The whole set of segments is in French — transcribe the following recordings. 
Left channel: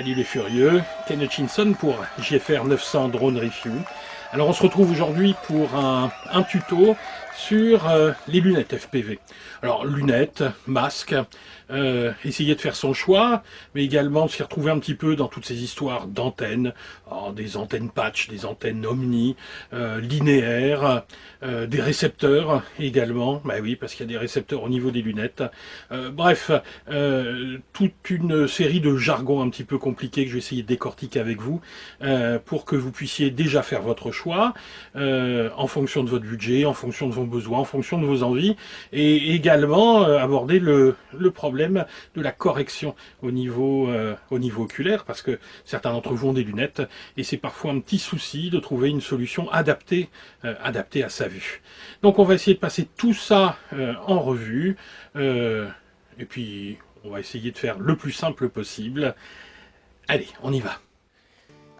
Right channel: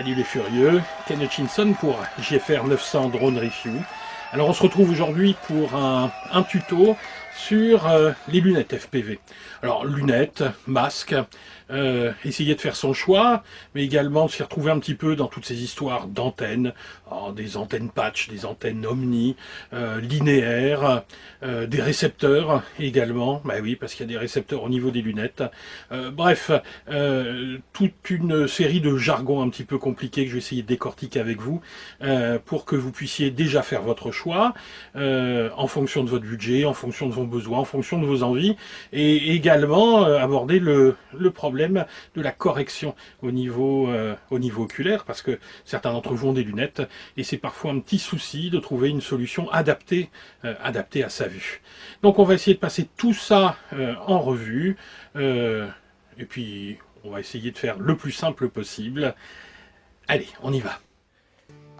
Salut les furieux, Ken Hutchinson pour JFR 900 Drone Review. Alors on se retrouve aujourd'hui pour un tuto sur les lunettes FPV. Alors lunettes, masques, essayer de faire son choix, mais également s'y retrouver un petit peu dans toutes ces histoires d'antennes, des antennes patch, des antennes omni, linéaires, des récepteurs également, bah oui parce qu'il y a des récepteurs au niveau des lunettes. Bref, toute une série de jargons un petit peu compliqués que je vais essayer de décortiquer avec vous pour que vous puissiez déjà faire votre choix en fonction de votre budget, en fonction de vos besoins, en fonction de vos envies, et également aborder le problème de la correction au niveau oculaire, parce que certains d'entre vous ont des lunettes, et c'est parfois un petit souci de trouver une solution adaptée à sa vue. Donc on va essayer de passer tout ça en revue, et puis on va essayer de faire le plus simple possible. Allez, on y va.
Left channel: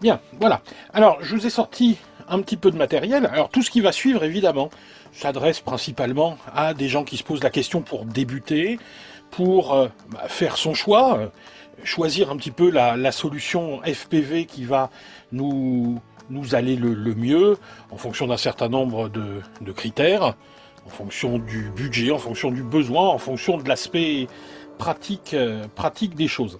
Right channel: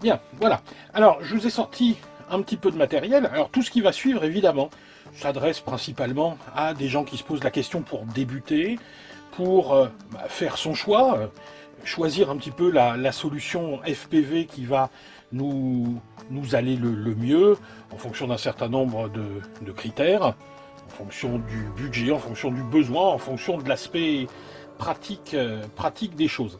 Bien, voilà. Alors, je vous ai sorti un petit peu de matériel. Alors, tout ce qui va suivre, évidemment, s'adresse principalement à des gens qui se posent la question pour débuter, pour faire son choix, choisir un petit peu la solution FPV qui va nous aller le mieux, en fonction d'un certain nombre de critères, en fonction du budget, en fonction du besoin, en fonction de l'aspect pratique des choses.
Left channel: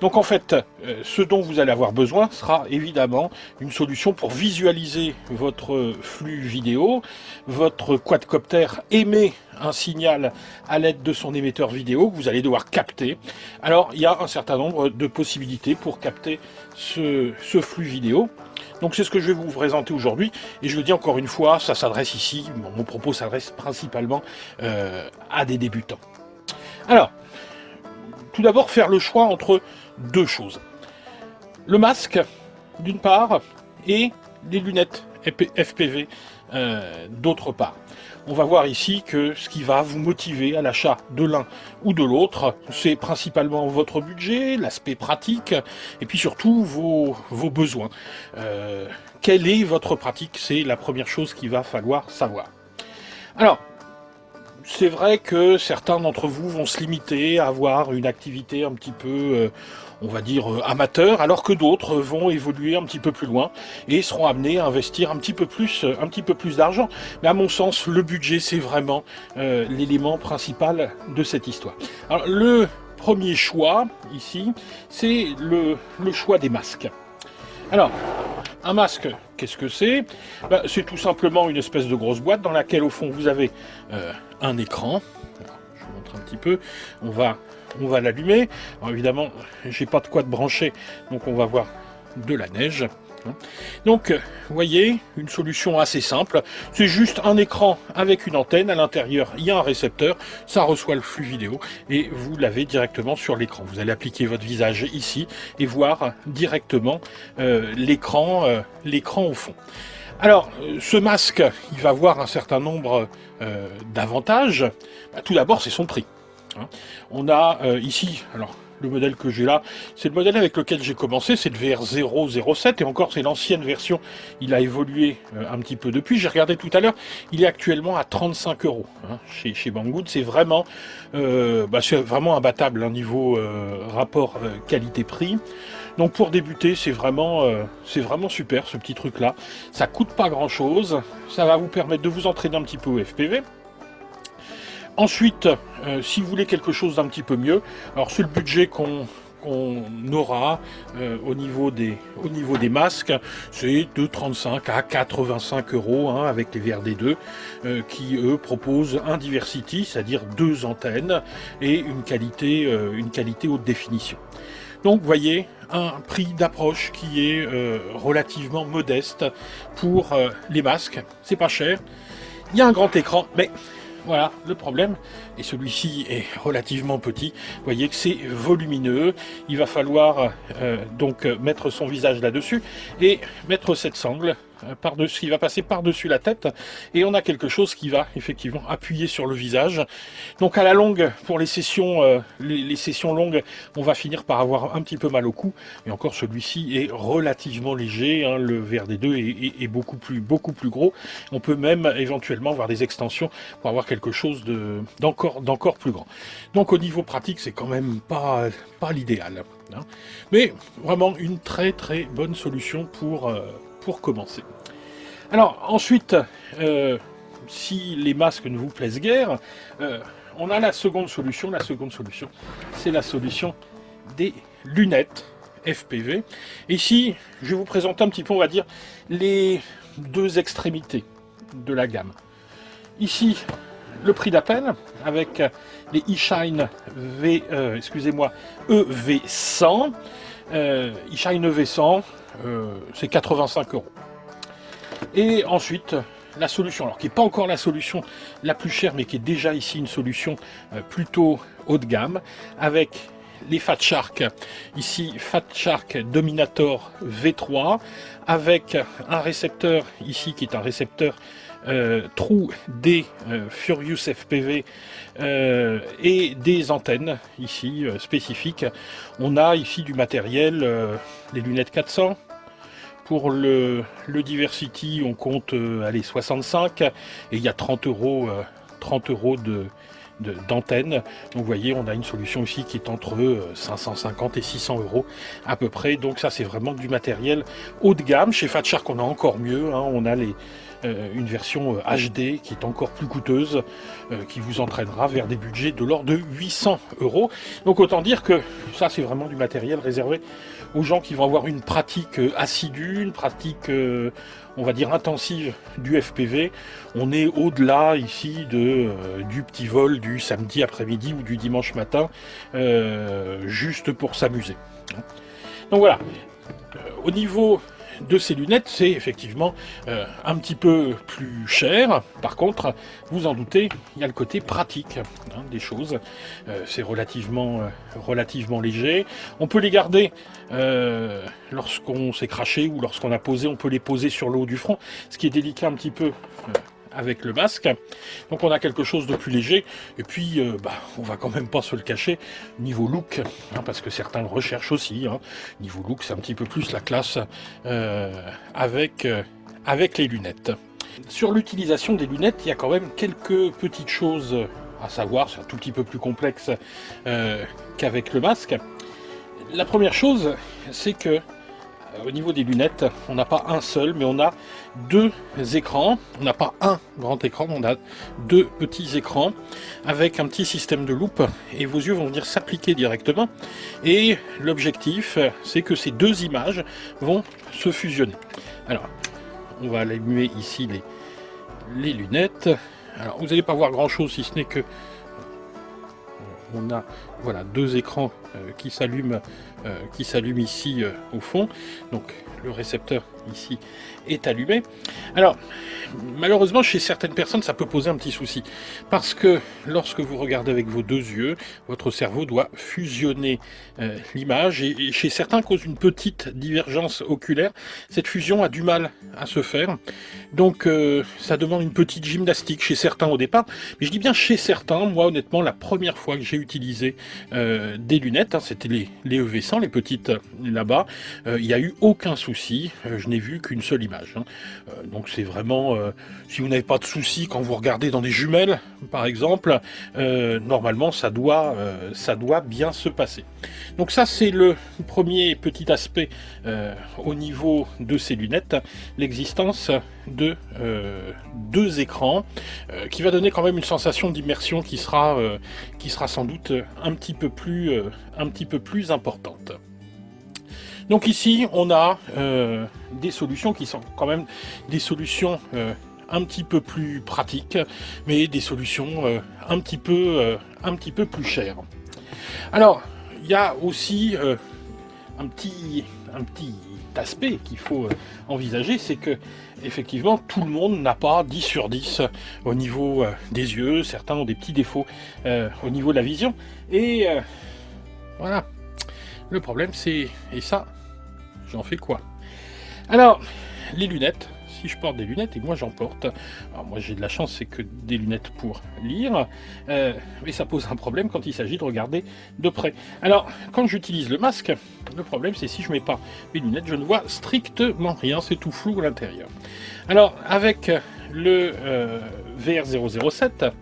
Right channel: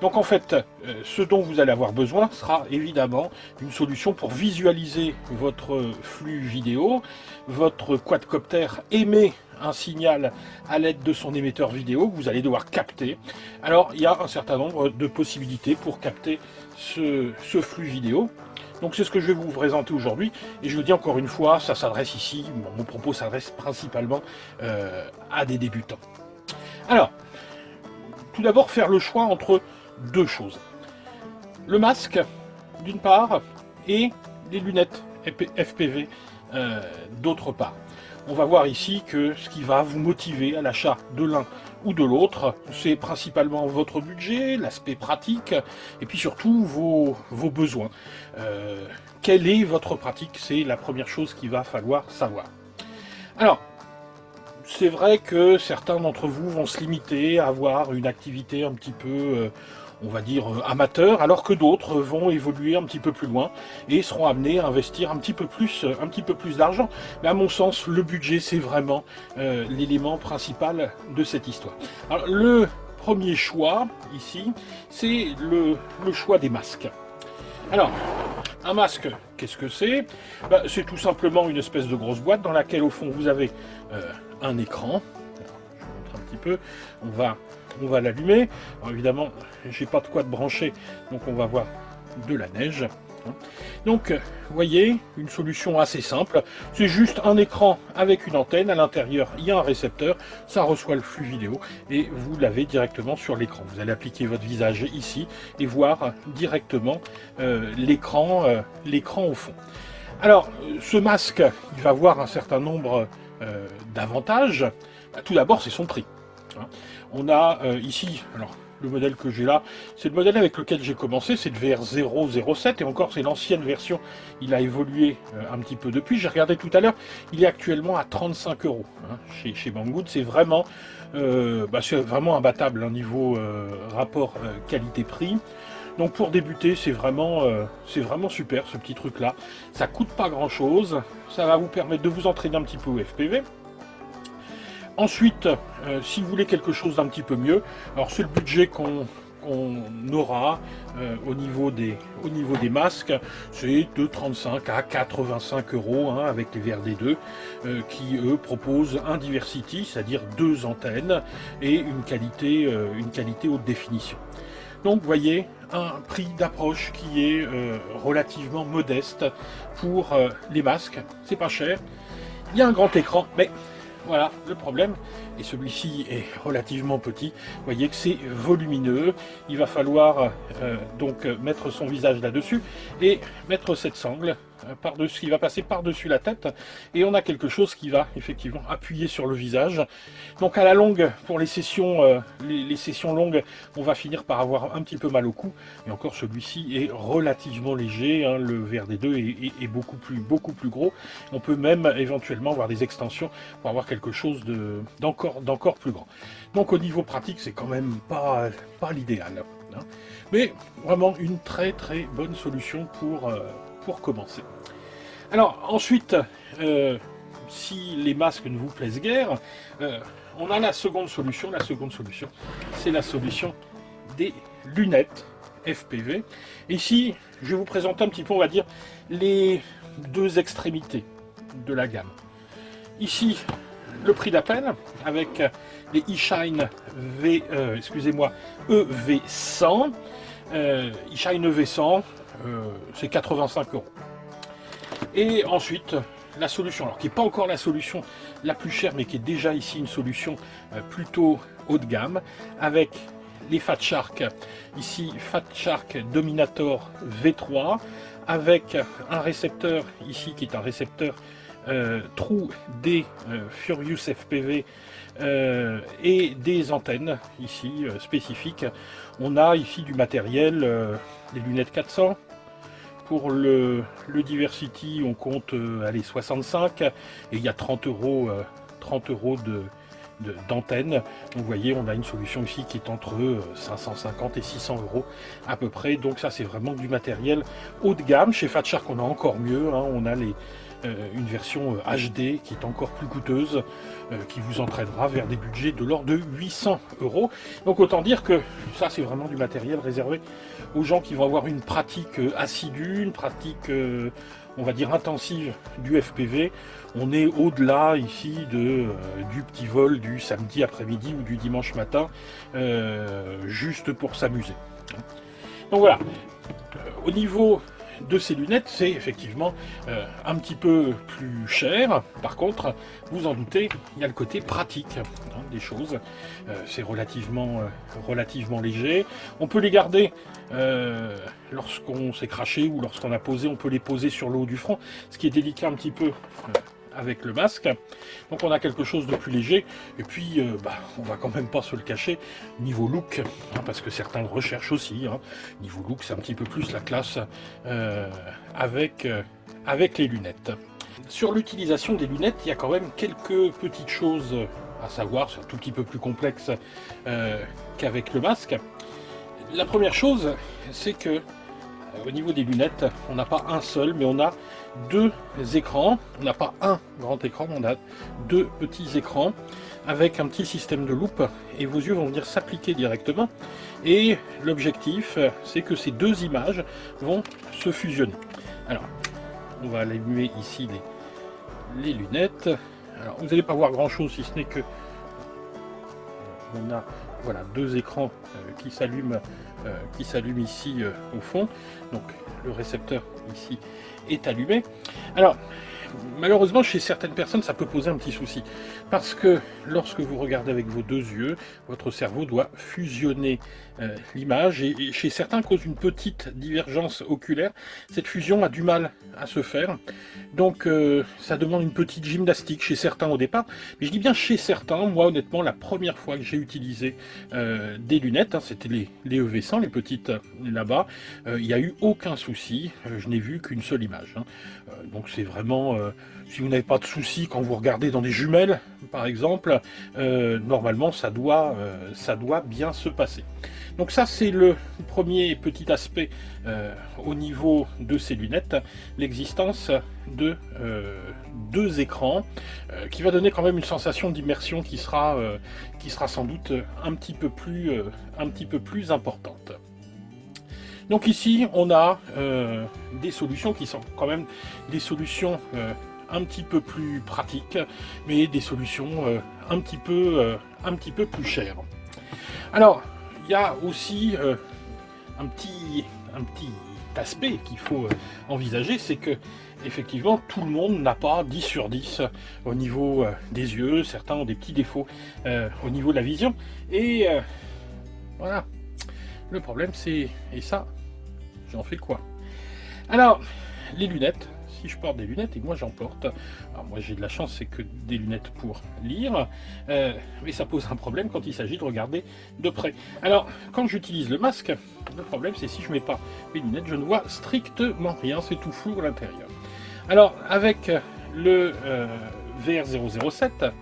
Donc en fait, ce dont vous allez avoir besoin sera évidemment une solution pour visualiser votre flux vidéo. Votre quadcopter émet un signal à l'aide de son émetteur vidéo que vous allez devoir capter. Alors il y a un certain nombre de possibilités pour capter ce flux vidéo. Donc c'est ce que je vais vous présenter aujourd'hui, et je vous dis encore une fois, ça s'adresse ici, mon propos s'adresse principalement à des débutants. Alors, tout d'abord, faire le choix entre deux choses. Le masque, d'une part, et les lunettes FPV, d'autre part. On va voir ici que ce qui va vous motiver à l'achat de l'un ou de l'autre, c'est principalement votre budget, l'aspect pratique, et puis surtout vos besoins. Quelle est votre pratique? C'est la première chose qu'il va falloir savoir. Alors, c'est vrai que certains d'entre vous vont se limiter à avoir une activité un petit peu, on va dire, amateur, alors que d'autres vont évoluer un petit peu plus loin et seront amenés à investir un petit peu plus d'argent. Mais à mon sens, le budget, c'est vraiment l'élément principal de cette histoire. Alors, le premier choix, ici, c'est le choix des masques. Alors, un masque, qu'est-ce que c'est? C'est tout simplement une espèce de grosse boîte dans laquelle, au fond, vous avez un écran. Je vous montre un petit peu. On va l'allumer. Alors, évidemment, j'ai pas de quoi de brancher, donc on va voir de la neige. Donc, vous voyez, une solution assez simple. C'est juste un écran avec une antenne. À l'intérieur, il y a un récepteur. Ça reçoit le flux vidéo et vous l'avez directement sur l'écran. Vous allez appliquer votre visage ici et voir directement l'écran au fond. Alors, ce masque, il va avoir un certain nombre d'avantages. Tout d'abord, c'est son prix. On a ici, alors le modèle que j'ai là, c'est le modèle avec lequel j'ai commencé, c'est le VR007, et encore c'est l'ancienne version, il a évolué un petit peu depuis. J'ai regardé tout à l'heure, il est actuellement à 35 € chez Banggood. C'est vraiment imbattable niveau rapport qualité-prix. Donc pour débuter, c'est vraiment super ce petit truc là. Ça coûte pas grand chose, ça va vous permettre de vous entraîner un petit peu au FPV. Ensuite, si vous voulez quelque chose d'un petit peu mieux, alors c'est le budget qu'on aura au niveau des masques, c'est de 35 à 85 € avec les VRD2 qui eux proposent un diversity, c'est-à-dire 2 antennes et une qualité haute définition. Donc vous voyez, un prix d'approche qui est relativement modeste pour les masques, c'est pas cher. Il y a un grand écran, mais voilà le problème, et celui-ci est relativement petit. Vous voyez que c'est volumineux, il va falloir donc mettre son visage là-dessus et mettre cette sangle par-dessus, il va passer par-dessus la tête, et on a quelque chose qui va effectivement appuyer sur le visage. Donc à la longue, pour les sessions longues, on va finir par avoir un petit peu mal au cou, et encore celui-ci est relativement léger, le VRD2 est beaucoup plus gros. On peut même éventuellement avoir des extensions pour avoir quelque chose d'encore plus grand. Donc au niveau pratique, c'est quand même pas l'idéal. hein. Mais vraiment une très très bonne solution pour commencer. Alors ensuite, si les masques ne vous plaisent guère, on a la seconde solution. La seconde solution, c'est la solution des lunettes FPV. Ici, je vais vous présenter un petit peu, on va dire, les deux extrémités de la gamme. Ici, le prix d'appel avec les eShine EV100. eShine EV100, c'est 85 €. Et ensuite, la solution, alors qui n'est pas encore la solution la plus chère, mais qui est déjà ici une solution plutôt haut de gamme, avec les Fat Shark, ici Fat Shark Dominator V3, avec un récepteur ici qui est un récepteur True D Furious FPV et des antennes ici spécifiques. On a ici du matériel, des lunettes 400. Pour le Diversity, on compte aller 65 et il y a 30 € d'antenne. Donc vous voyez, on a une solution ici qui est entre 550 et 600 € à peu près. Donc ça, c'est vraiment du matériel haut de gamme. Chez Fat Shark, on a encore mieux, hein. On a une version HD qui est encore plus coûteuse, qui vous entraînera vers des budgets de l'ordre de 800 €. Donc autant dire que ça, c'est vraiment du matériel réservé aux gens qui vont avoir une pratique assidue, une pratique, on va dire, intensive du FPV. On est au-delà ici du petit vol du samedi après-midi ou du dimanche matin, juste pour s'amuser. Donc voilà, au niveau de ces lunettes, c'est effectivement un petit peu plus cher. Par contre, vous en doutez, il y a le côté pratique, hein, des choses. C'est relativement léger. On peut les garder lorsqu'on s'est craché ou lorsqu'on a posé. On peut les poser sur le haut du front, ce qui est délicat un petit peu avec le masque. Donc on a quelque chose de plus léger. Et puis, on va quand même pas se le cacher, niveau look, hein, parce que certains le recherchent aussi. Hein. Niveau look, c'est un petit peu plus la classe avec les lunettes. Sur l'utilisation des lunettes, il y a quand même quelques petites choses à savoir. C'est un tout petit peu plus complexe qu'avec le masque. La première chose, c'est que au niveau des lunettes, on n'a pas un seul, mais on a deux écrans. On n'a pas un grand écran, on a deux petits écrans avec un petit système de loupe et vos yeux vont venir s'appliquer directement. Et l'objectif, c'est que ces deux images vont se fusionner. Alors, on va allumer ici les lunettes. Alors, vous n'allez pas voir grand chose si ce n'est que on a voilà deux écrans qui s'allument ici au fond. Donc le récepteur ici est allumé. Alors malheureusement chez certaines personnes ça peut poser un petit souci parce que lorsque vous regardez avec vos deux yeux, votre cerveau doit fusionner l'image et chez certains cause une petite divergence oculaire. Cette fusion a du mal à se faire. Donc ça demande une petite gymnastique chez certains au départ, mais je dis bien chez certains. Moi honnêtement la première fois que j'ai utilisé des lunettes, hein, c'était les EV100, les petites là-bas, il n'y a eu aucun souci, je n'ai vu qu'une seule image. Hein. Donc c'est vraiment, si vous n'avez pas de souci quand vous regardez dans des jumelles par exemple, normalement ça doit bien se passer. Donc ça c'est le premier petit aspect au niveau de ces lunettes, l'existence de deux écrans qui va donner quand même une sensation d'immersion qui sera sans doute un petit peu plus importante. Donc ici on a des solutions qui sont quand même des solutions un petit peu plus pratiques, mais des solutions un petit peu plus chères. Alors il y a aussi un petit aspect qu'il faut envisager, c'est que effectivement tout le monde n'a pas 10 sur 10 au niveau des yeux, certains ont des petits défauts au niveau de la vision, et voilà, le problème c'est, et ça, j'en fais quoi? Alors, les lunettes, si je porte des lunettes, et moi j'en porte, alors moi j'ai de la chance, c'est que des lunettes pour lire, mais ça pose un problème quand il s'agit de regarder de près. Alors, quand j'utilise le masque, le problème c'est si je mets pas mes lunettes, je ne vois strictement rien, c'est tout flou à l'intérieur. Alors, avec le VR007,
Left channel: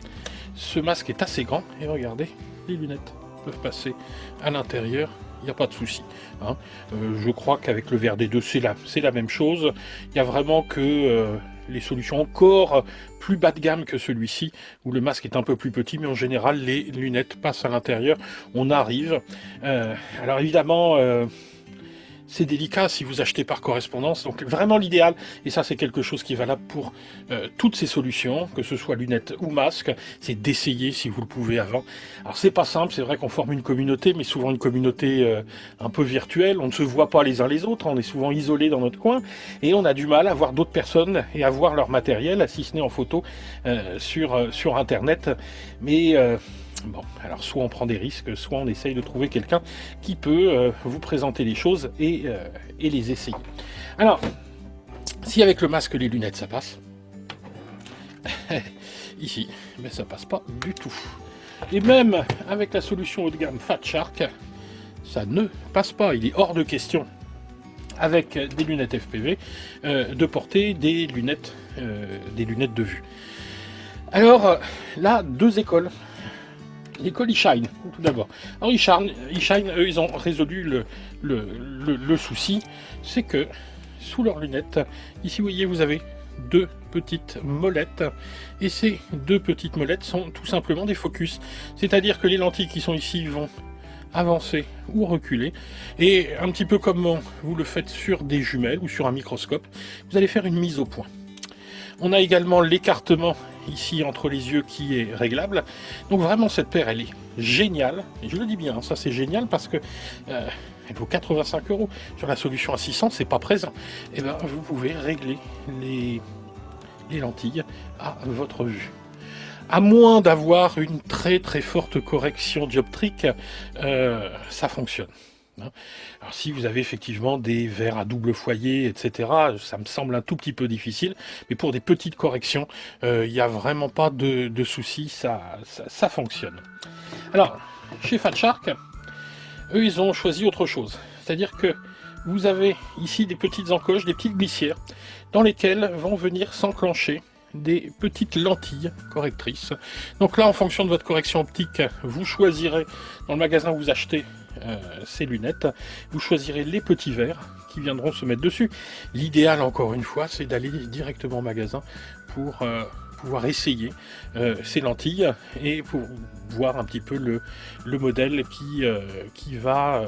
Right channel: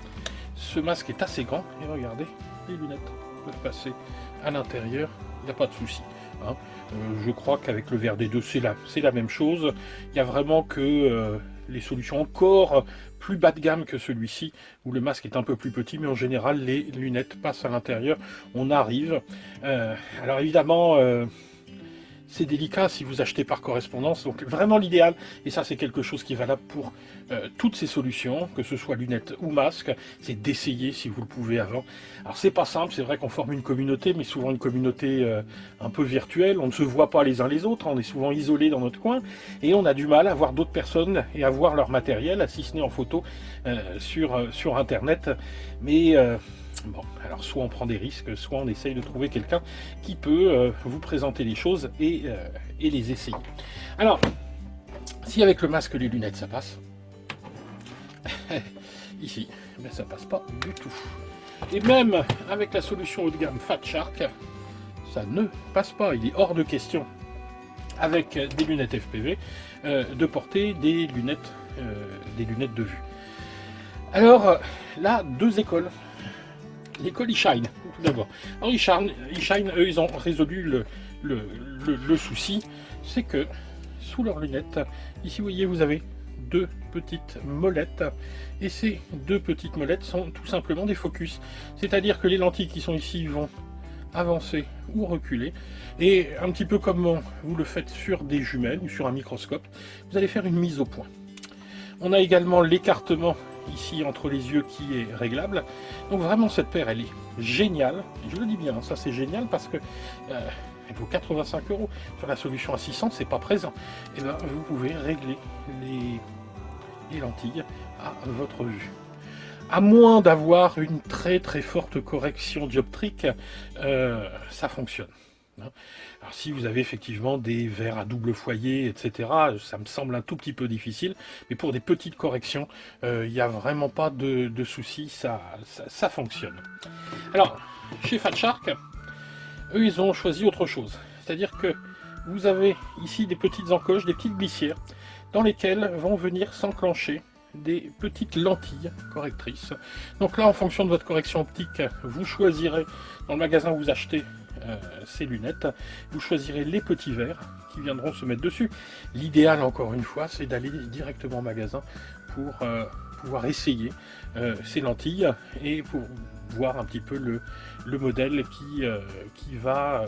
ce masque est assez grand, et regardez, les lunettes peuvent passer à l'intérieur il n'y a pas de souci. Hein. Je crois qu'avec le VRD2, c'est la même chose. Il n'y a vraiment que les solutions encore plus bas de gamme que celui-ci, où le masque est un peu plus petit, mais en général, les lunettes passent à l'intérieur. On arrive. Alors évidemment... c'est délicat si vous achetez par correspondance, donc vraiment l'idéal, et ça c'est quelque chose qui est valable pour toutes ces solutions, que ce soit lunettes ou masques, c'est d'essayer si vous le pouvez avant. Alors c'est pas simple, c'est vrai qu'on forme une communauté, mais souvent une communauté un peu virtuelle, on ne se voit pas les uns les autres, on est souvent isolés dans notre coin, et on a du mal à voir d'autres personnes et à voir leur matériel, si ce n'est en photo, sur Internet, mais... bon, alors soit on prend des risques, soit on essaye de trouver quelqu'un qui peut vous présenter les choses et les essayer. Alors, si avec le masque et les lunettes ça passe, ici, mais ça passe pas du tout. Et même avec la solution haut de gamme Fat Shark, ça ne passe pas, il est hors de question avec des lunettes FPV de porter des lunettes de vue. Alors là, deux écoles. L'école eShine, tout d'abord. Alors eShine, eux, ils ont résolu le souci, c'est que sous leurs lunettes, ici vous voyez, vous avez deux petites molettes, et ces deux petites molettes sont tout simplement des focus. C'est-à-dire que les lentilles qui sont ici vont avancer ou reculer, et un petit peu comme vous le faites sur des jumelles ou sur un microscope, vous allez faire une mise au point. On a également l'écartement ici entre les yeux qui est réglable. Donc vraiment cette paire elle est géniale. Et je le dis bien, ça c'est génial parce que elle vaut 85 €. Sur la solution à 600, c'est pas présent. Et bien vous pouvez régler les lentilles à votre vue. À moins d'avoir une très très forte correction dioptrique, ça fonctionne. Alors si vous avez effectivement des verres à double foyer, etc., ça me semble un tout petit peu difficile, mais pour des petites corrections, il n'y a vraiment pas de souci, ça fonctionne. Alors, chez Fat Shark, eux, ils ont choisi autre chose. C'est-à-dire que vous avez ici des petites encoches, des petites glissières, dans lesquelles vont venir s'enclencher des petites lentilles correctrices. Donc là, en fonction de votre correction optique, vous choisirez, dans le magasin où vous achetez ces lunettes, vous choisirez les petits verres qui viendront se mettre dessus. L'idéal, encore une fois, c'est d'aller directement au magasin pour pouvoir essayer ces lentilles et pour voir un petit peu le modèle qui va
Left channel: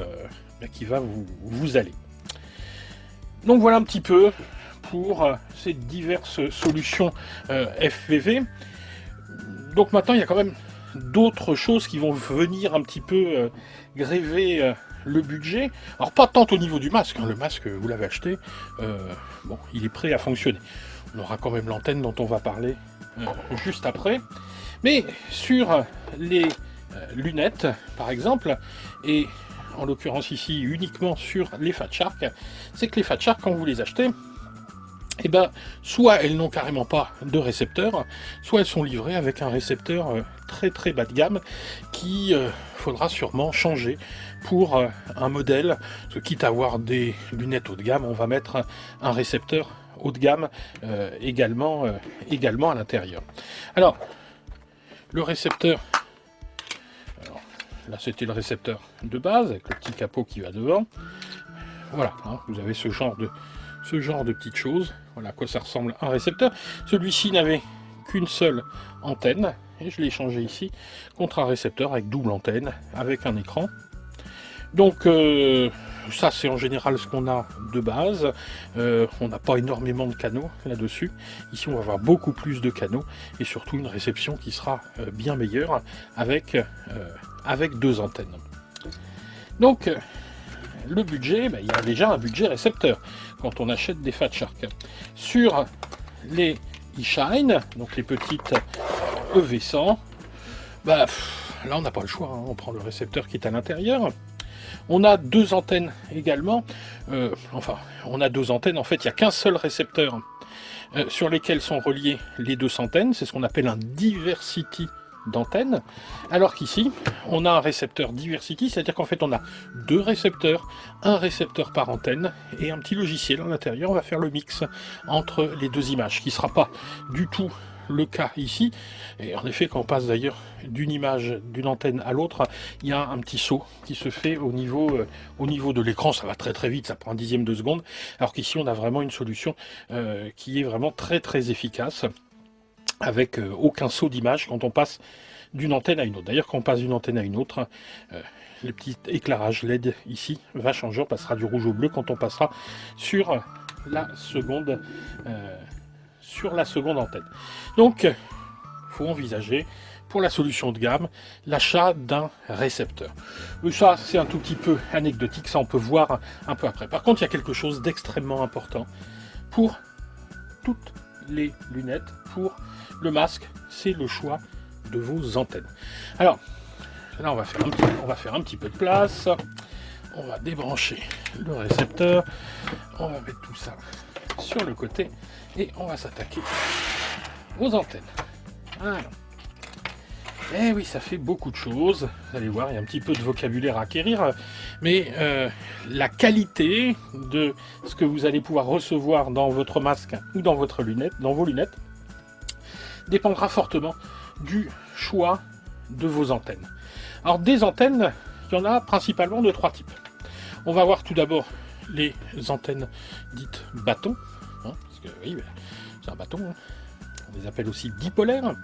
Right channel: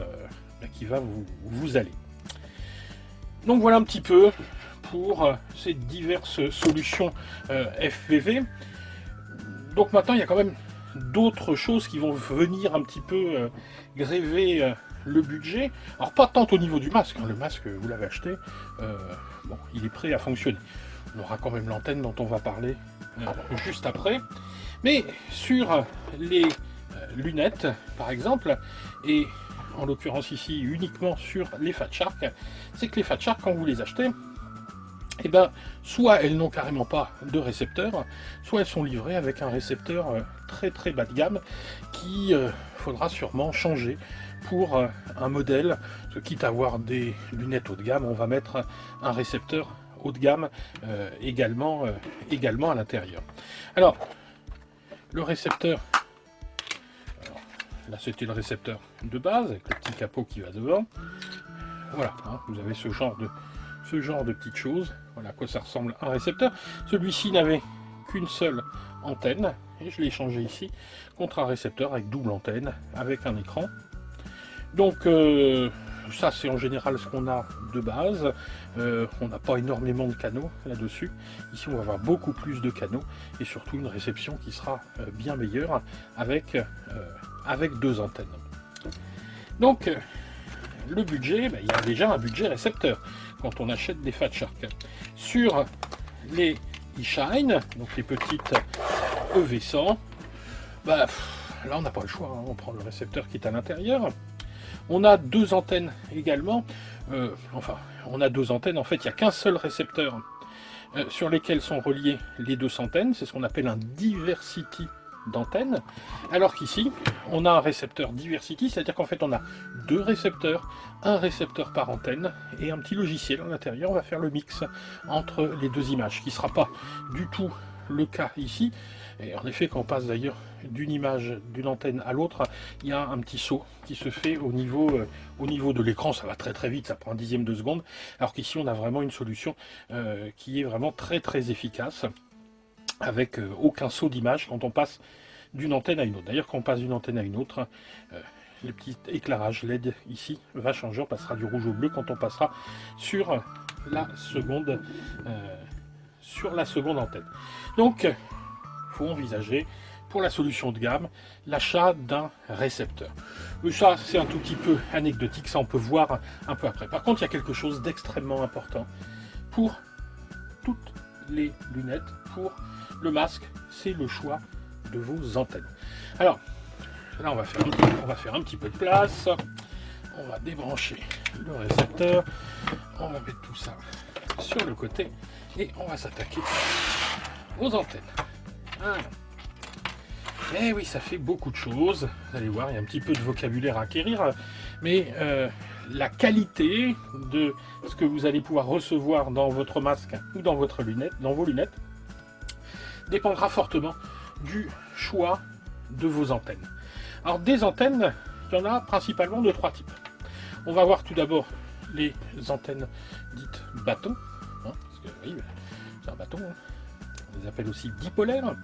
vous aller. Donc voilà un petit peu pour ces diverses solutions FPV. Donc maintenant, il y a quand même d'autres choses qui vont venir un petit peu gréver le budget. Alors pas tant au niveau du masque, hein. Le masque, vous l'avez acheté, bon, il est prêt à fonctionner. On aura quand même l'antenne dont on va parler juste après. Mais sur les lunettes, par exemple, et en l'occurrence ici uniquement sur les Fat Shark, c'est que les Fat Shark, quand vous les achetez, eh ben, soit elles n'ont carrément pas de récepteur, soit elles sont livrées avec un récepteur très très bas de gamme qui faudra sûrement changer pour un modèle. Parce que quitte à avoir des lunettes haut de gamme, on va mettre un récepteur haut de gamme également à l'intérieur. Alors, le récepteur, alors, là c'était le récepteur de base avec le petit capot qui va devant. Voilà, hein, vous avez ce genre de petites choses. Voilà à quoi ça ressemble un récepteur. Celui-ci n'avait qu'une seule antenne, et je l'ai changé ici contre un récepteur avec double antenne, avec un écran. Donc ça c'est en général ce qu'on a de base. On n'a pas énormément de canaux là-dessus. Ici on va avoir beaucoup plus de canaux, et surtout une réception qui sera bien meilleure avec deux antennes. Donc le budget, il y a déjà un budget récepteur quand on achète des Fat Shark. Sur les eShine, donc les petites EV100, là on n'a pas le choix, hein. On prend le récepteur qui est à l'intérieur. On a deux antennes également, on a deux antennes, en fait il n'y a qu'un seul récepteur sur lesquels sont reliées les deux antennes, c'est ce qu'on appelle un diversity d'antennes, alors qu'ici on a un récepteur diversity, c'est à dire qu'en fait on a deux récepteurs, un récepteur par antenne et un petit logiciel à l'intérieur. On va faire le mix entre les deux images qui sera pas du tout le cas ici. Et en effet, quand on passe d'ailleurs d'une image, d'une antenne à l'autre, il y a un petit saut qui se fait au niveau de l'écran. Ça va très très vite, ça prend un dixième de seconde. Alors qu'ici, on a vraiment une solution qui est vraiment très très efficace, avec aucun saut d'image quand on passe d'une antenne à une autre. D'ailleurs, quand on passe d'une antenne à une autre, le petit éclairage LED ici va changer. On passera du rouge au bleu quand on passera sur la seconde antenne. Donc, il faut envisager pour la solution de gamme l'achat d'un récepteur. Mais ça, c'est un tout petit peu anecdotique, ça on peut voir un peu après. Par contre, il y a quelque chose d'extrêmement important pour toutes les lunettes, pour le masque, c'est le choix de vos antennes. Alors, là on va faire un petit peu de place. On va débrancher le récepteur. On va mettre tout ça sur le côté et on va s'attaquer aux antennes. Voilà. Et oui, ça fait beaucoup de choses. Vous allez voir, il y a un petit peu de vocabulaire à acquérir, mais la qualité de ce que vous allez pouvoir recevoir dans votre masque ou dans vos lunettes, dépendra fortement du choix de vos antennes. Alors des antennes, il y en a principalement de trois types. On va voir tout d'abord les antennes dites bâtons, hein, parce que oui, c'est un bâton, hein. On les appelle aussi dipolaires.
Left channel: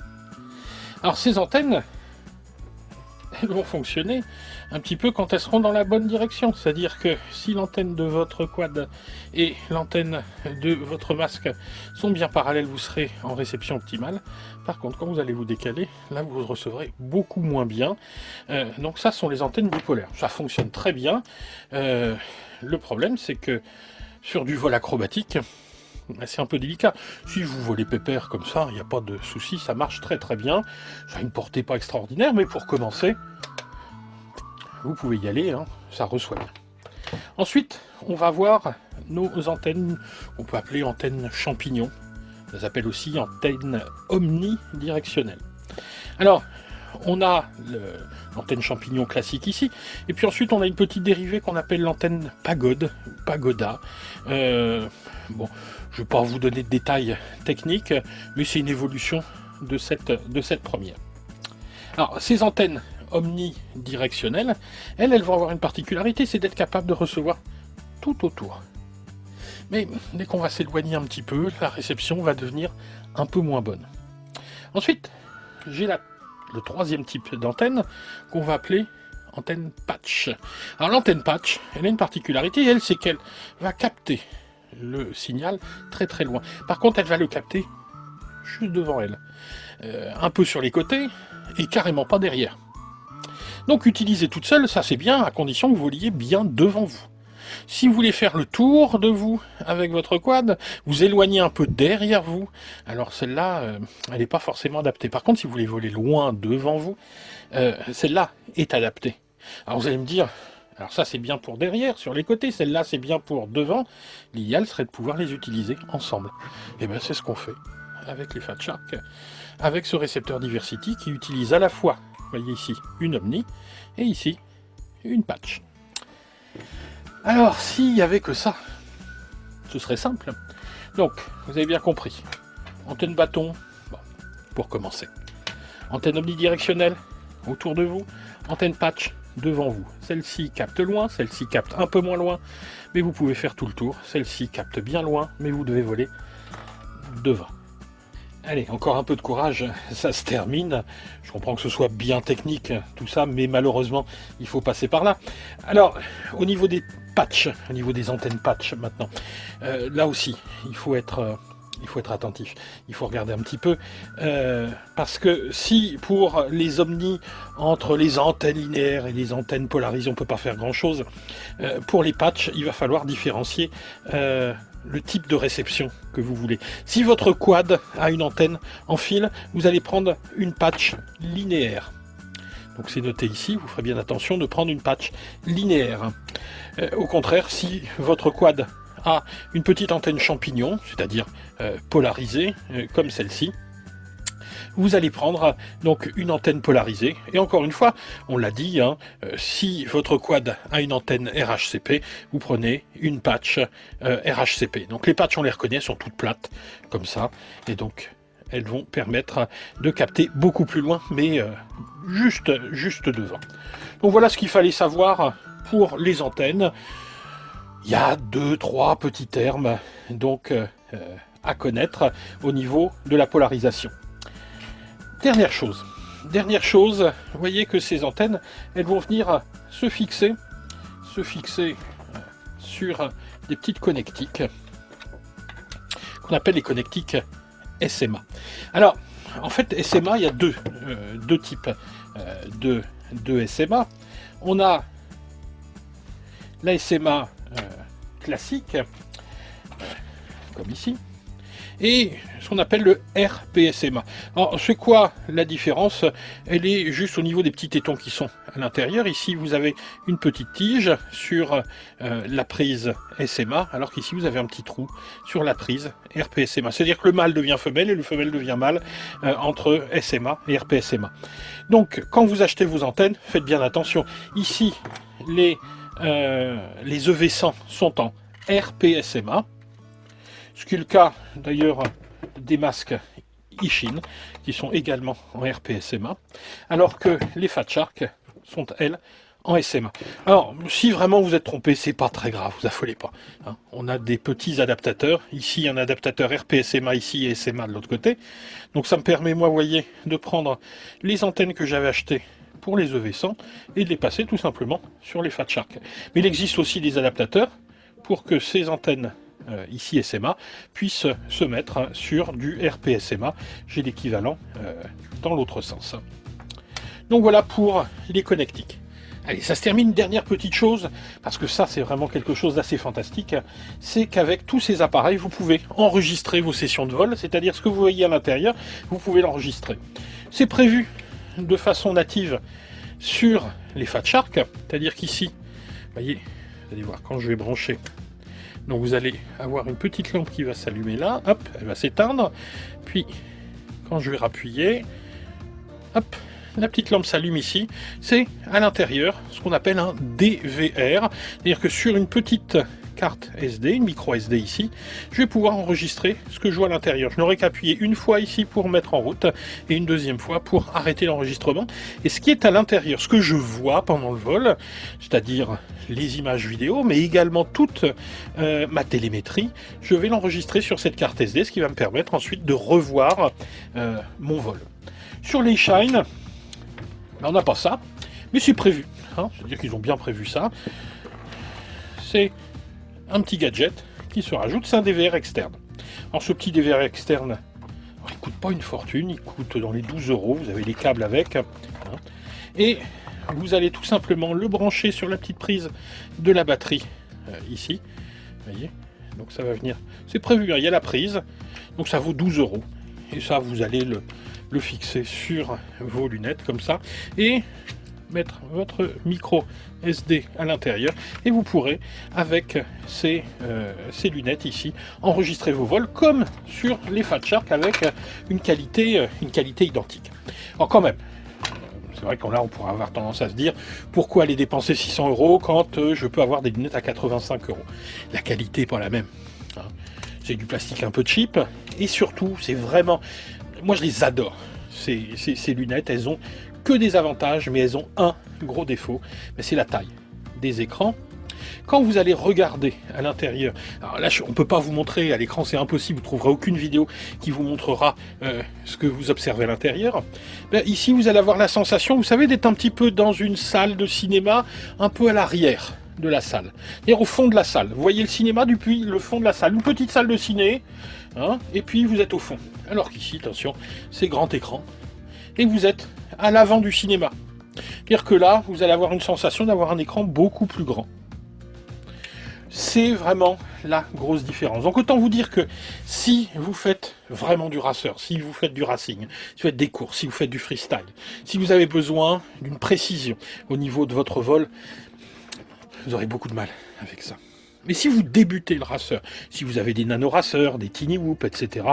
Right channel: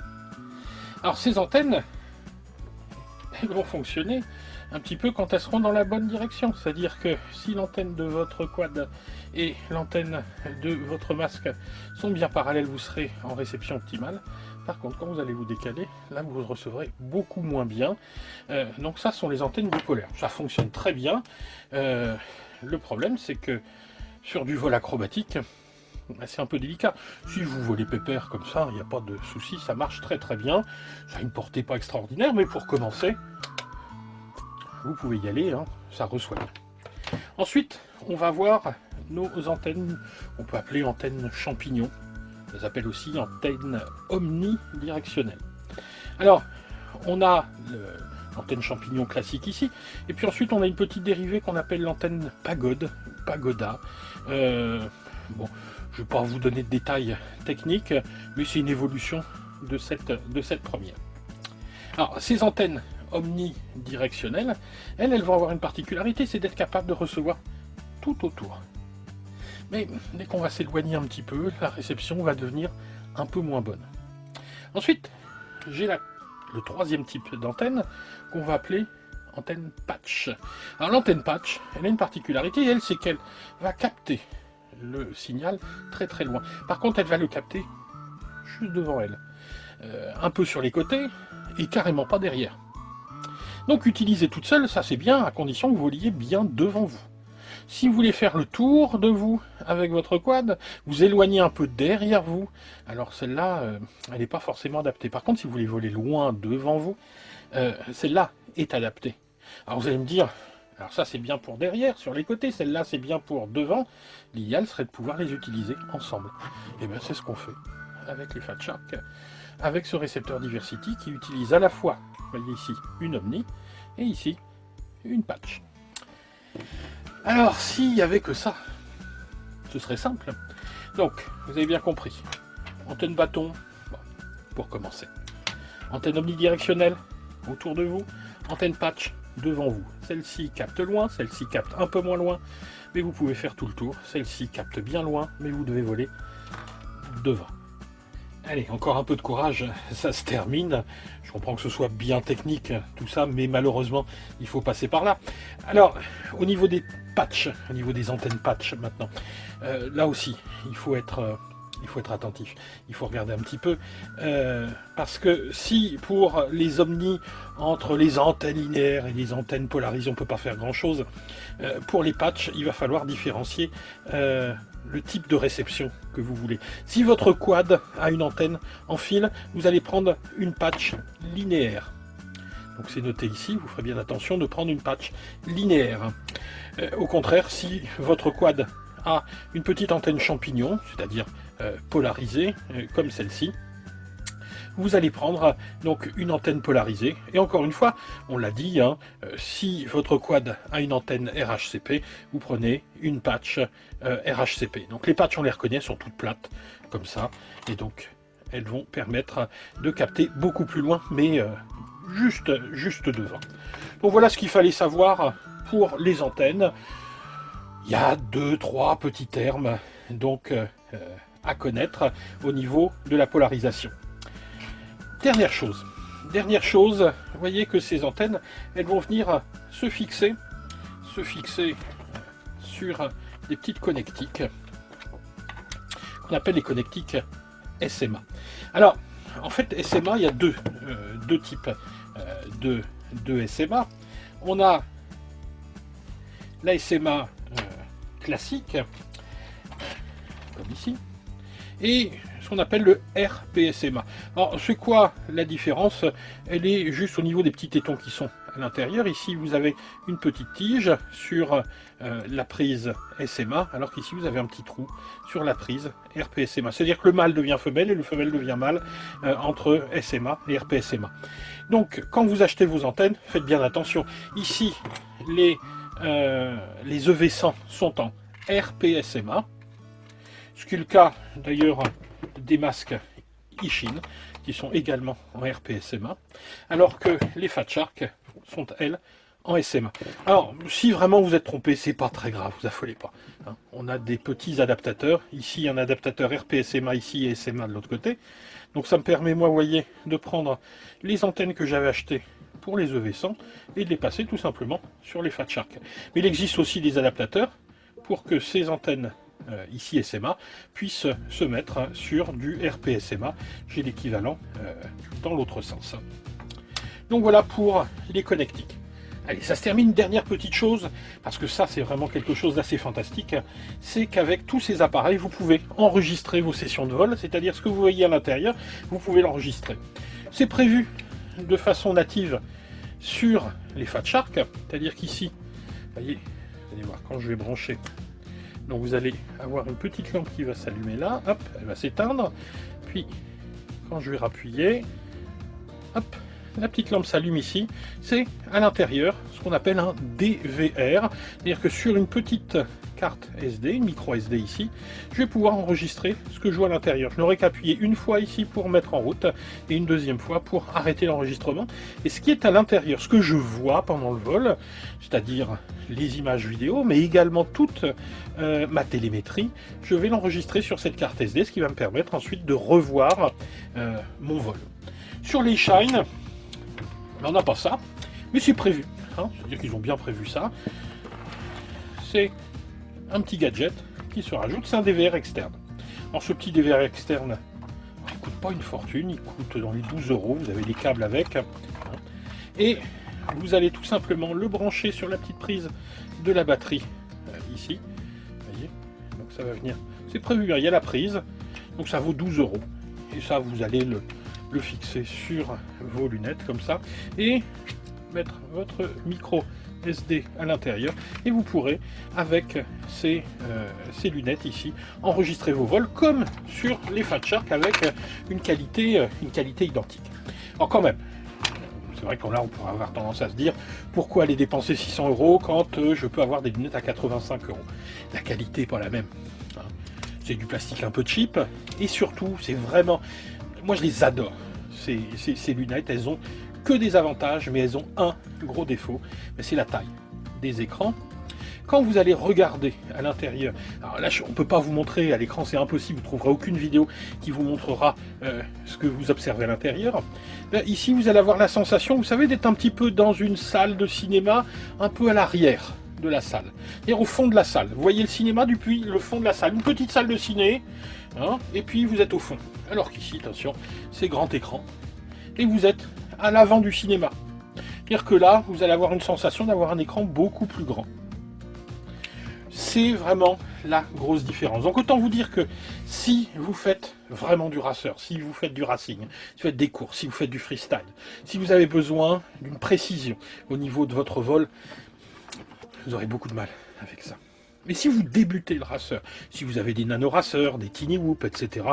Alors ces antennes, elles vont fonctionner un petit peu quand elles seront dans la bonne direction. C'est-à-dire que si l'antenne de votre quad et l'antenne de votre masque sont bien parallèles, vous serez en réception optimale. Par contre, quand vous allez vous décaler, là vous recevrez beaucoup moins bien. Donc ça, ce sont les antennes bipolaires. Ça fonctionne très bien. Le problème, c'est que sur du vol acrobatique, c'est un peu délicat. Si vous volez pépère comme ça, il n'y a pas de souci, ça marche très très bien. Ça a une portée pas extraordinaire, mais pour commencer, vous pouvez y aller, hein, ça reçoit bien. Ensuite, on va voir nos antennes, on peut appeler antennes champignons. Ça s'appelle aussi antenne omnidirectionnelle. Alors, on a l'antenne champignon classique ici, et puis ensuite on a une petite dérivée qu'on appelle l'antenne pagoda. Bon, je ne vais pas vous donner de détails techniques, mais c'est une évolution de cette première. Alors, ces antennes omnidirectionnelles, elles vont avoir une particularité, c'est d'être capable de recevoir tout autour. Mais dès qu'on va s'éloigner un petit peu, la réception va devenir un peu moins bonne. Ensuite, j'ai le troisième type d'antenne qu'on va appeler antenne patch. Alors l'antenne patch, elle a une particularité, elle, c'est qu'elle va capter le signal très très loin. Par contre, elle va le capter juste devant elle. Un peu sur les côtés et carrément pas derrière. Donc utiliser toute seule, ça c'est bien, à condition que vous voliez bien devant vous. Si vous voulez faire le tour de vous avec votre quad, vous éloignez un peu derrière vous, alors celle-là, elle n'est pas forcément adaptée. Par contre, si vous voulez voler loin devant vous, celle-là est adaptée. Alors vous allez me dire, alors ça c'est bien pour derrière, sur les côtés, celle-là c'est bien pour devant. L'idéal serait de pouvoir les utiliser ensemble. Et bien c'est ce qu'on fait avec les Fat Shark, avec ce récepteur Diversity qui utilise à la fois, vous voyez ici, une Omni, et ici, une patch. Alors, s'il n'y avait que ça, ce serait simple. Donc, vous avez bien compris. Antenne bâton, bon, pour commencer. Antenne omnidirectionnelle, autour de vous. Antenne patch, devant vous. Celle-ci capte loin, celle-ci capte un peu moins loin, mais vous pouvez faire tout le tour. Celle-ci capte bien loin, mais vous devez voler devant. Allez, encore un peu de courage, ça se termine. Je comprends que ce soit bien technique, tout ça, mais malheureusement, il faut passer par là. Alors, au niveau des patchs, au niveau des antennes patch maintenant, là aussi, il faut être attentif. Il faut regarder un petit peu, parce que si pour les omnis, entre les antennes linéaires et les antennes polarisées, on ne peut pas faire grand-chose, pour les patchs, il va falloir différencier le type de réception que vous voulez. Si votre quad a une antenne en fil, vous allez prendre une patch linéaire. Donc c'est noté ici, vous ferez bien attention de prendre une patch linéaire. Au contraire, si votre quad a une petite antenne champignon, c'est-à-dire polarisée, comme celle-ci, vous allez prendre donc une antenne polarisée. Et encore une fois, on l'a dit, hein, si votre quad a une antenne RHCP, vous prenez une patch RHCP. Donc les patchs, on les reconnaît, sont toutes plates, comme ça. Et donc, elles vont permettre de capter beaucoup plus loin, mais juste devant. Donc voilà ce qu'il fallait savoir pour les antennes. Il y a 2-3 petits termes donc à connaître au niveau de la polarisation. Dernière chose, vous voyez que ces antennes, elles vont venir se fixer sur des petites connectiques qu'on appelle les connectiques SMA. Alors, en fait, SMA, il y a deux types de SMA. On a la SMA classique, comme ici, et ce qu'on appelle le RPSMA. Alors, c'est quoi la différence? Elle est juste au niveau des petits tétons qui sont à l'intérieur. Ici, vous avez une petite tige sur la prise SMA, alors qu'ici, vous avez un petit trou sur la prise RPSMA. C'est-à-dire que le mâle devient femelle et le femelle devient mâle entre SMA et RPSMA. Donc, quand vous achetez vos antennes, faites bien attention. Ici, les EV100 sont en RPSMA, ce qui est le cas d'ailleurs des masques Ishin qui sont également en RPSMA, alors que les Fat Shark sont elles en SMA. Alors si vraiment vous êtes trompé, c'est pas très grave, vous affolez pas. Hein. On a des petits adaptateurs, ici un adaptateur RPSMA ici et SMA de l'autre côté, donc ça me permet moi, vous voyez, de prendre les antennes que j'avais achetées pour les EV100 et de les passer tout simplement sur les Fat Shark. Mais il existe aussi des adaptateurs pour que ces antennes ici SMA puissent se mettre sur du RPSMA. J'ai l'équivalent dans l'autre sens. Donc voilà pour les connectiques. Allez, ça se termine, une dernière petite chose, parce que ça c'est vraiment quelque chose d'assez fantastique, c'est qu'avec tous ces appareils, vous pouvez enregistrer vos sessions de vol, c'est-à-dire ce que vous voyez à l'intérieur, vous pouvez l'enregistrer. C'est prévu de façon native sur les Fat Shark, c'est-à-dire qu'ici, voyez, vous allez voir, quand je vais brancher, donc vous allez avoir une petite lampe qui va s'allumer là, hop, elle va s'éteindre, puis quand je vais rappuyer, hop, la petite lampe s'allume ici, c'est à l'intérieur ce qu'on appelle un DVR, c'est-à-dire que sur une petite carte SD, une micro SD ici, je vais pouvoir enregistrer ce que je vois à l'intérieur. Je n'aurai qu'à appuyer une fois ici pour mettre en route et une deuxième fois pour arrêter l'enregistrement. Et ce qui est à l'intérieur, ce que je vois pendant le vol, c'est-à-dire les images vidéo, mais également toute ma télémétrie, je vais l'enregistrer sur cette carte SD, ce qui va me permettre ensuite de revoir mon vol. Sur les Shine, on n'a pas ça, mais c'est prévu. Hein, c'est-à-dire qu'ils ont bien prévu ça. C'est un petit gadget qui se rajoute, c'est un DVR externe. Alors ce petit DVR externe, il ne coûte pas une fortune, il coûte dans les 12 €, vous avez les câbles avec. Hein, et vous allez tout simplement le brancher sur la petite prise de la batterie, ici. Vous voyez, donc ça va venir, c'est prévu, hein, il y a la prise, donc ça vaut 12 €. Et ça, vous allez le fixer sur vos lunettes comme ça et mettre votre micro SD à l'intérieur et vous pourrez avec ces lunettes ici enregistrer vos vols comme sur les Fat Shark avec une qualité identique. Alors quand même, c'est vrai qu'on là on pourra avoir tendance à se dire pourquoi aller dépenser 600 € quand je peux avoir des lunettes à 85 €. La qualité n'est pas la même. Hein. C'est du plastique un peu cheap et surtout c'est vraiment, moi je les adore. Ces lunettes, elles ont que des avantages, mais elles ont un gros défaut, c'est la taille des écrans. Quand vous allez regarder à l'intérieur, alors là on ne peut pas vous montrer à l'écran, c'est impossible, vous ne trouverez aucune vidéo qui vous montrera ce que vous observez à l'intérieur. Ici vous allez avoir la sensation, vous savez, d'être un petit peu dans une salle de cinéma, un peu à l'arrière de la salle, c'est-à-dire au fond de la salle. Vous voyez le cinéma depuis le fond de la salle, une petite salle de ciné, hein, et puis vous êtes au fond. Alors qu'ici, attention, c'est grand écran, et vous êtes à l'avant du cinéma. C'est-à-dire que là, vous allez avoir une sensation d'avoir un écran beaucoup plus grand. C'est vraiment la grosse différence. Donc autant vous dire que si vous faites vraiment du racer, si vous faites du racing, si vous faites des courses, si vous faites du freestyle, si vous avez besoin d'une précision au niveau de votre vol, vous aurez beaucoup de mal avec ça. Mais si vous débutez le racer, si vous avez des nano-racers, des tiny whoop, etc.,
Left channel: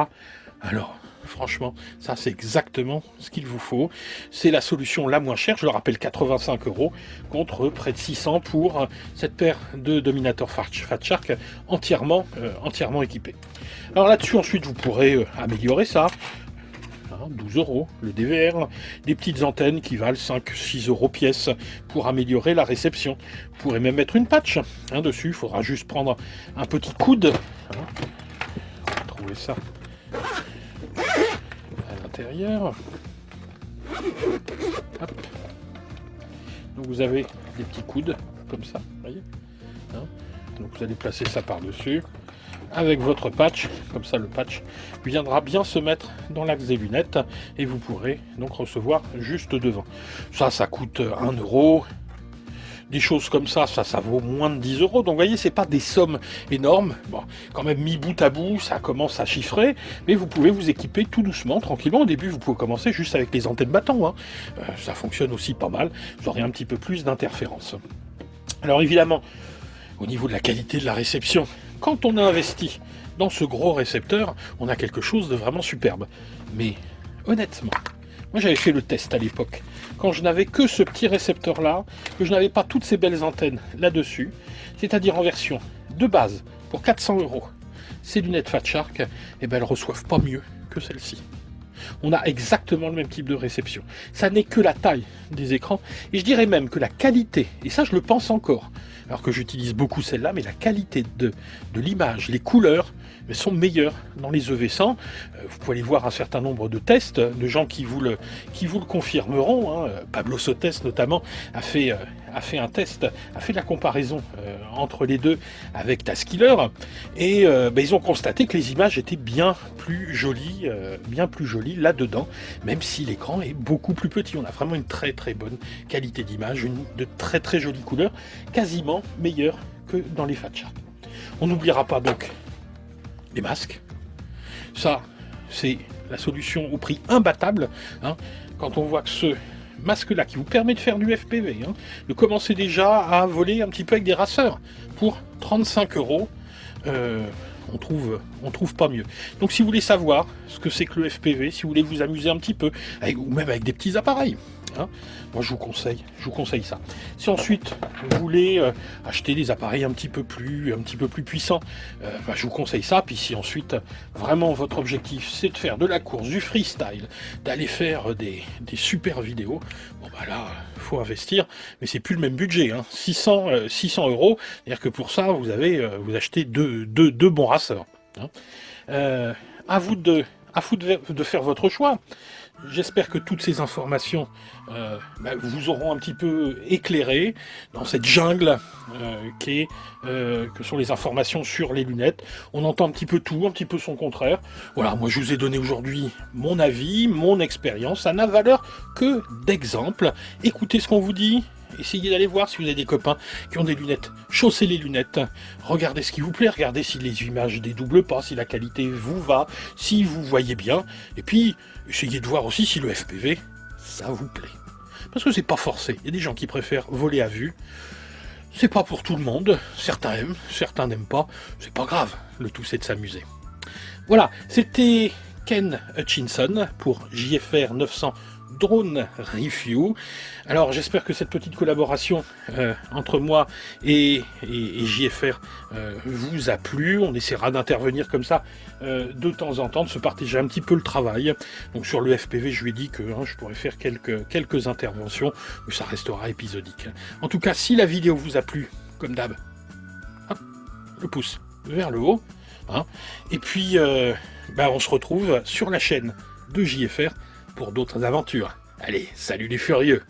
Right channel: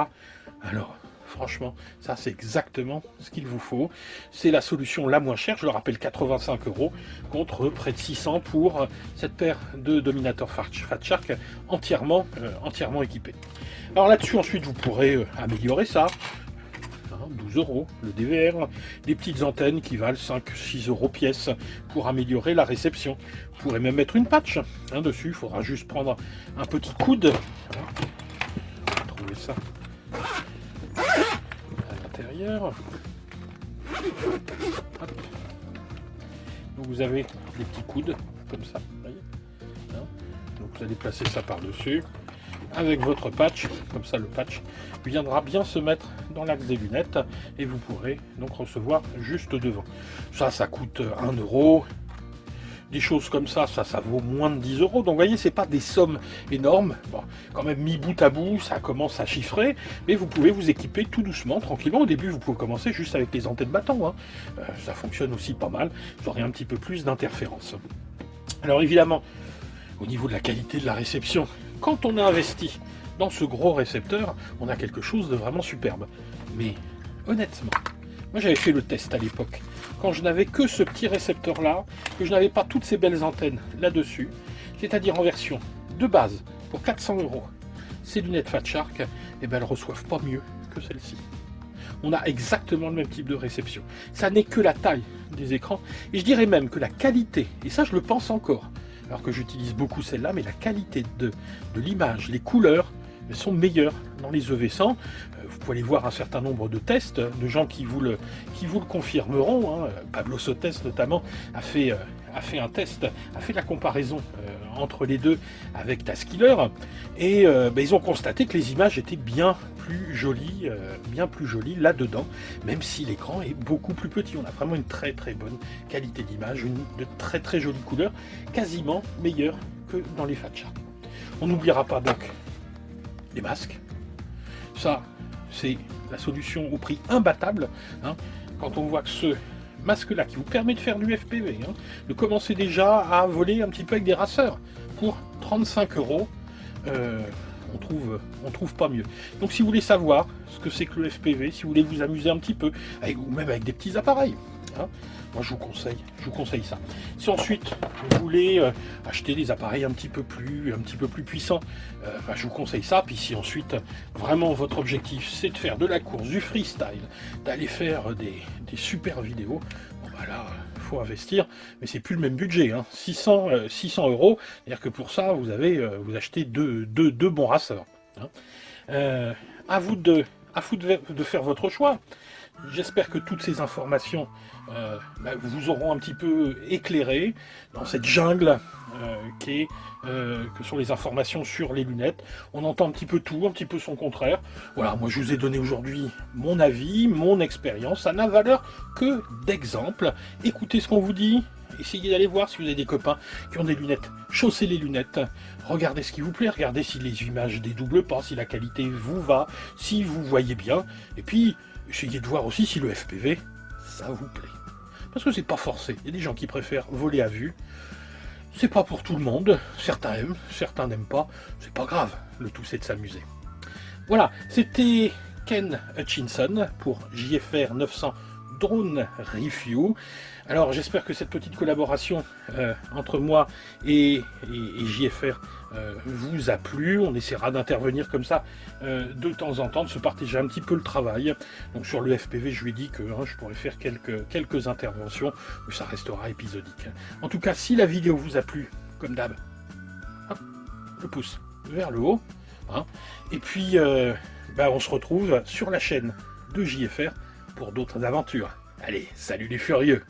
alors franchement, ça c'est exactement ce qu'il vous faut. C'est la solution la moins chère, je le rappelle, 85 € contre près de 600 pour cette paire de Dominator Fat Shark entièrement équipée. Alors là-dessus, ensuite, vous pourrez améliorer ça. 12 euros le DVR, des petites antennes qui valent 5-6 euros pièce pour améliorer la réception. Vous pourrez même mettre une patch dessus, il faudra juste prendre un petit coude. Trouver ça à l'intérieur. Donc vous avez des petits coudes comme ça, voyez. Donc vous allez placer ça par-dessus avec votre patch, comme ça le patch viendra bien se mettre dans l'axe des lunettes et vous pourrez donc recevoir juste devant. Ça coûte 1 euro. Des choses comme ça vaut moins de 10 euros. Donc vous voyez, c'est pas des sommes énormes. Bon, quand même mis bout à bout, ça commence à chiffrer, mais vous pouvez vous équiper tout doucement, tranquillement. Au début, vous pouvez commencer juste avec les antennes bâtons. Ça fonctionne aussi pas mal. Vous aurez un petit peu plus d'interférences. Alors évidemment, au niveau de la qualité de la réception, quand on a investi dans ce gros récepteur, on a quelque chose de vraiment superbe. Mais honnêtement, moi j'avais fait le test à l'époque, quand je n'avais que ce petit récepteur-là, que je n'avais pas toutes ces belles antennes là-dessus, c'est-à-dire en version de base, pour 400 euros, ces lunettes Fat Shark, eh ben, elles ne reçoivent pas mieux que celle-ci. On a exactement le même type de réception. Ça n'est que la taille des écrans, et je dirais même que la qualité, et ça je le pense encore, alors que j'utilise beaucoup celle-là, mais la qualité de l'image, les couleurs, sont meilleures dans les EV100. Vous pouvez aller voir un certain nombre de tests de gens qui vous le confirmeront. Pablo Sotes notamment a fait un test, a fait la comparaison entre les deux avec Taskiller, et ils ont constaté que les images étaient bien plus jolies là-dedans, même si l'écran est beaucoup plus petit. On a vraiment une très très bonne qualité d'image, de très très jolies couleurs, quasiment meilleures que dans les Fat Shark. On n'oubliera pas donc les masques. Ça, c'est la solution au prix imbattable. Quand on voit que ce masque-là, qui vous permet de faire du FPV, de commencer déjà à voler un petit peu avec des raceurs, pour 35 euros, on trouve pas mieux. Donc si vous voulez savoir ce que c'est que le FPV, si vous voulez vous amuser un petit peu, ou même avec des petits appareils, moi je vous conseille ça. Si ensuite vous voulez acheter des appareils un petit peu plus puissants, je vous conseille ça. Puis si ensuite vraiment votre objectif c'est de faire de la course, du freestyle, d'aller faire des super vidéos, là faut investir, mais c'est plus le même budget. 600 euros, c'est-à-dire que pour ça vous achetez deux bons raceurs. À vous de faire votre choix. J'espère que toutes ces informations vous auront un petit peu éclairé dans cette jungle que sont les informations sur les lunettes. On entend un petit peu tout, un petit peu son contraire. Voilà, moi je vous ai donné aujourd'hui mon avis, mon expérience. Ça n'a valeur que d'exemple. Écoutez ce qu'on vous dit. Essayez d'aller voir si vous avez des copains qui ont des lunettes. Chaussez les lunettes. Regardez ce qui vous plaît. Regardez si les images dédoublent pas, si la qualité vous va, si vous voyez bien. Et puis, essayez de voir aussi si le FPV, ça vous plaît. Parce que c'est pas forcé. Il y a des gens qui préfèrent voler à vue. C'est pas pour tout le monde. Certains aiment, certains n'aiment pas. C'est pas grave. Le tout, c'est de s'amuser. Voilà, c'était Ken Hutchinson pour JFR 900 Drone Review. Alors j'espère que cette petite collaboration entre moi et JFR vous a plu. On essaiera d'intervenir comme ça de temps en temps, de se partager un petit peu le travail. Donc sur le FPV, je lui ai dit que je pourrais faire quelques interventions, mais ça restera épisodique. En tout cas, si la vidéo vous a plu, comme d'hab, le pouce vers le haut. Et puis on se retrouve sur la chaîne de JFR pour d'autres aventures. Allez, salut les furieux!